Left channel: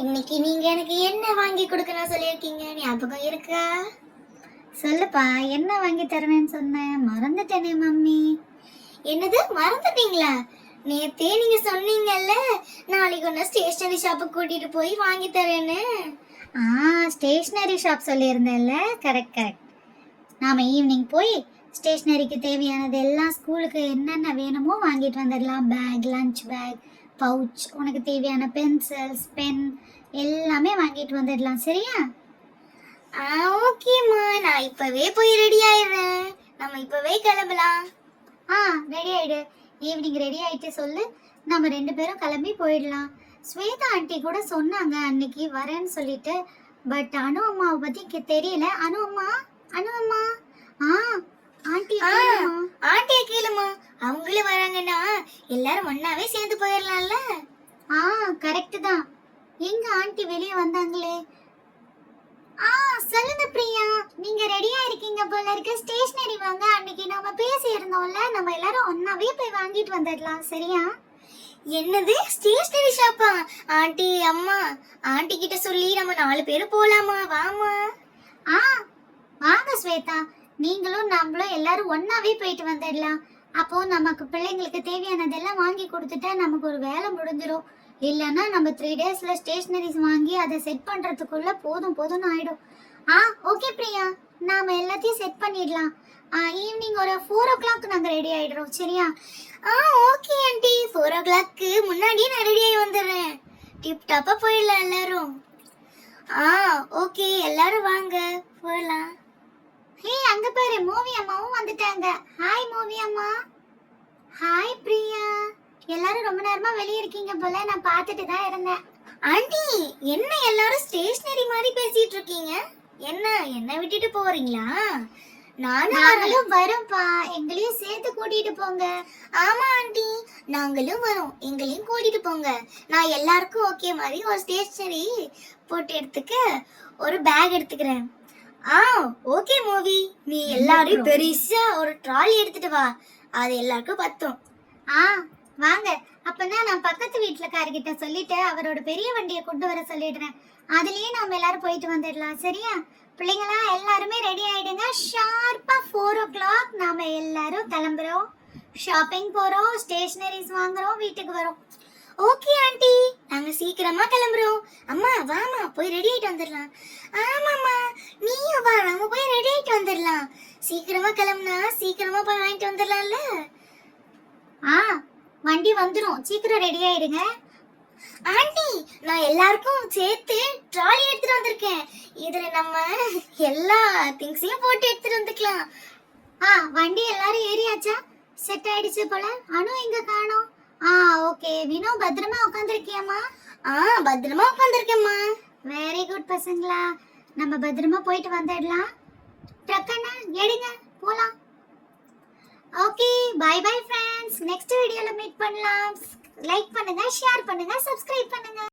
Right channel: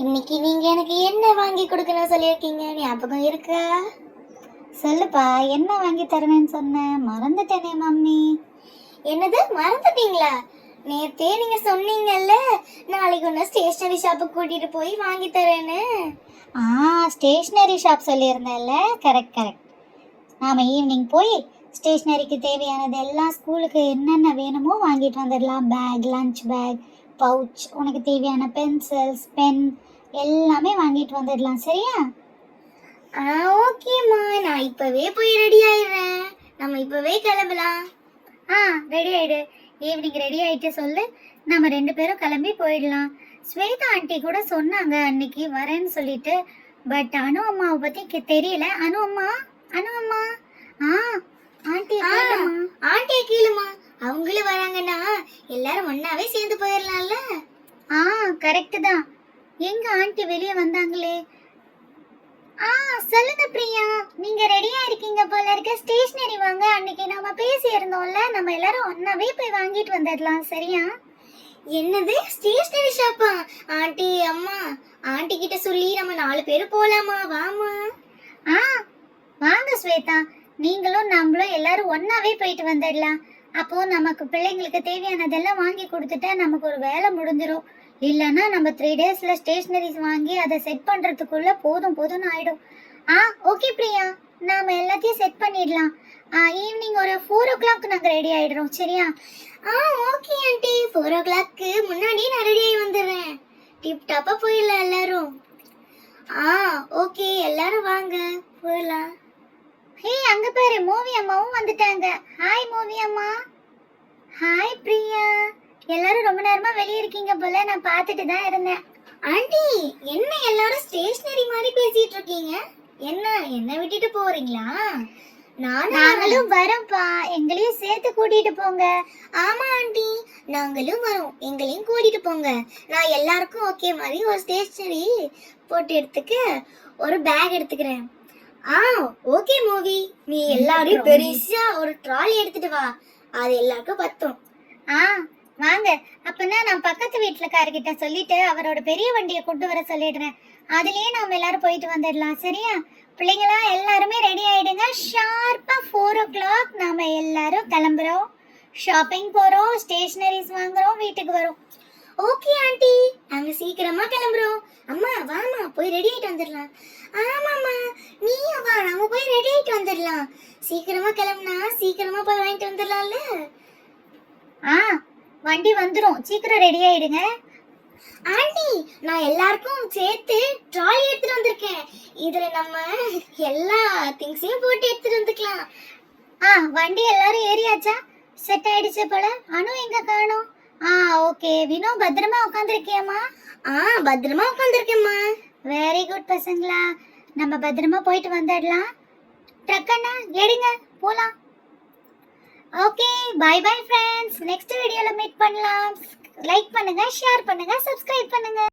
இன்னைக்கு நீங்க எனக்கு என்ன வாங்கி கொடுக்கணும் சொல்லியிருக்கீங்க? ஞாபகம் இருக்கா? சொல்லுப்பா என்ன வாங்கி தருவேன்னு சொன்னேன்? மறந்துட்டேனே மம்மி. என்னது மறந்துட்டீங்களா? நேத்தே நீங்க சொன்னீங்கல்ல நாளைக்கு ஒன்று ஸ்டேஷனரி ஷாப்புக்கு கூட்டிட்டு போய் வாங்கி தரேன்னு. ஆ ஸ்டேஷ்னரி ஷாப் சொல்லியிருந்தேன்ல கரெக்ட் கரெக்ட் நாம ஈவினிங் போய் ஸ்டேஷ்னரிக்கு தேவையானது எல்லாம் ஸ்கூலுக்கு என்னென்ன வேணுமோ வாங்கிட்டு வந்துடலாம். பேக் லஞ்ச் பேக் பவுச் உனக்கு தேவையான பென்சில்ஸ் பென் எல்லாமே வாங்கிட்டு வந்துடலாம் சரியா? ஆ ஓகேம்மா நான் இப்போவே போய் ரெடி ஆயிடுறேன். நம்ம இப்போவே கிளம்பலாம். ஆ ரெடி ஆயிடு. ஈவினிங் ரெடி ஆயிட்டு சொல்லு. நம்ம ரெண்டு பேரும் கிளம்பி போயிடலாம். ஸ்வேதா ஆண்டி கூட சொன்னாங்க அன்னைக்கு வரேன்னு சொல்லிட்டு. பட் அனு அம்மாவை பற்றி தெரியல. அனு அம்மா? அனு அம்மா? ஆ ஆண்டி ஆ, ஆண்டியை கேளுமா அவங்களும் வராங்கன்னா எல்லாரும் ஒன்னாவே சேர்ந்து போயிடலாம்ல ஆ கரெக்ட் தான். எங்க ஆண்டி வெளியே வந்தாங்களே? ஆ சொல்லுங்க பிரியா. நீங்க ரெடியா இருக்கீங்க போல இருக்க. ஸ்டேஷனரி வாங்க. அன்னைக்கு நாம பேசி இருந்தோம்ல. நம்ம எல்லாரும் ஒன்னாவே போய் வாங்கிட்டு வந்துடலாம் சரியா? என்னது? ஸ்டேஷனரி ஷாப்பா ஆண்டி அம்மா. ஆண்டி கிட்ட சொல்லி நம்ம நாலு பேரும் போலாமா? வாமா ஆ வாங்க ஸ்வேதா. நீங்களும் நம்மளும் எல்லாரும் ஒன்னாவே போயிட்டு வந்துடலாம் அப்போ நமக்கு பிள்ளைங்களுக்கு தேவையானதெல்லாம் வாங்கி கொடுத்துட்டா நமக்கு ஒரு வேலை முடிஞ்சிடும் இல்லைன்னா நம்ம த்ரீ டேஸ்ல ஸ்டேஷ்னரிஸ் வாங்கி அதை செட் பண்றதுக்குள்ள போதும் போதும்னு ஆயிடும். ஆ ஓகே பிரியா. நாம எல்லாத்தையும் செட் பண்ணிடலாம். ஈவினிங் ஒரு ஃபோர் ஓ கிளாக் நாங்கள் ரெடி ஆயிடுறோம் சரியா? ஆ ஓகே ஆண்டி ஃபோர் ஓ கிளாக்கு முன்னாடியே நான் ரெடி ஆகி வந்துடுறேன். டிப் டாப்பாக போயிடலாம் எல்லாரும். ஆ ஓகே எல்லாரும் வாங்க போயிடலாம். ஹே அங்க பாரு மூவி அம்மாவும் வந்துட்டாங்க. ஹாய் மூவி அம்மா. ஹாய் பிரியா. எல்லாரும் ரொம்ப நேரமா வெளியே இருக்கீங்க போல நான் பார்த்துட்டு தான் இருந்தேன். ஆண்டி என்ன எல்லாரும் ஸ்டேஷனரி மாதிரி பேசிட்டு இருக்கீங்க? என்ன என்ன விட்டுட்டு போறீங்களா? நாங்களும் வரோம்ப்பா. எங்களையும் சேர்த்து கூட்டிட்டு போங்க. ஆமா ஆண்டி. நாங்களும் வரோம். எங்களையும் கூட்டிட்டு போங்க. நான் எல்லாருக்கும் ஓகே மாதிரி ஒரு ஸ்டேஷனரி போட்டு எடுத்துக்க ஒரு பேக் எடுத்துக்கிறேன். ஆ ஓகே மூவி நீ எல்லாரையும் பெருசா ஒரு ட்ராலி எடுத்துட்டு வா. அது எல்லாருக்கும் பத்தும். ஆ வாங்க. அப்பனா நான் பக்கத்து வீட்டுலக்காரர்கிட்ட சொல்லிட்டு அவரோட பெரிய வண்டியை கொண்டு வர சொல்லிடுறேன். அதுலயே நாம எல்லாரும் போயிட்டு வந்துடலாம் சரியா? பிள்ளைங்களா எல்லாருமே ரெடி ஆயிடுங்க. ஷார்ப்பா ஃபோர் ஓ கிளாக் நாம எல்லாரும் கிளம்புறோம். ஷாப்பிங் போறோம் ஸ்டேஷனரிஸ் வாங்குறோம் வீட்டுக்கு வரோம். ஓகே ஆண்டி நாங்க சீக்கிரமா கிளம்புறோம். அம்மா வாமா போய் ரெடி ஆயிட்டு வந்துடலாம். ஆமாம்மா நீயும் வா நம்ம போய் ரெடி ஆயிட்டு சீக்கிரமா கிளம்புனா சீக்கிரமா போய் வாங்கிட்டு வந்துடலாம்ல? ஆ வண்டி வந்துடும் சீக்கிரம் ரெடி ஆயிடுங்க. ஆண்டி நான் எல்லாருக்கும் சேர்த்து ட்ராலி எடுத்துட்டு வந்திருக்கேன். இதுல நம்ம எல்லா திங்ஸையும் போட்டு எடுத்துட்டு வந்துக்கலாம். ஆ வண்டி எல்லாரும் ஏறியாச்சா? செட் ஆயிடுச்சு போல. அனு எங்க காணோம்? ஆ ஓகே வினோ பத்திரமா உட்காந்துருக்கியம்மா ஆ பத்திரமா உட்காந்துருக்கேம்மா வெரி குட் பசங்களா. நம்ம பத்திரமா போயிட்டு வந்துடலாம். ட்ரக்கண்ணா எடுங்க போலாம். Okay bye bye friends next வீடியோவில் மீட் பண்ணலாம். லைக் பண்ணுங்கள் ஷேர் பண்ணுங்கள் சப்ஸ்கிரைப் பண்ணுங்கள்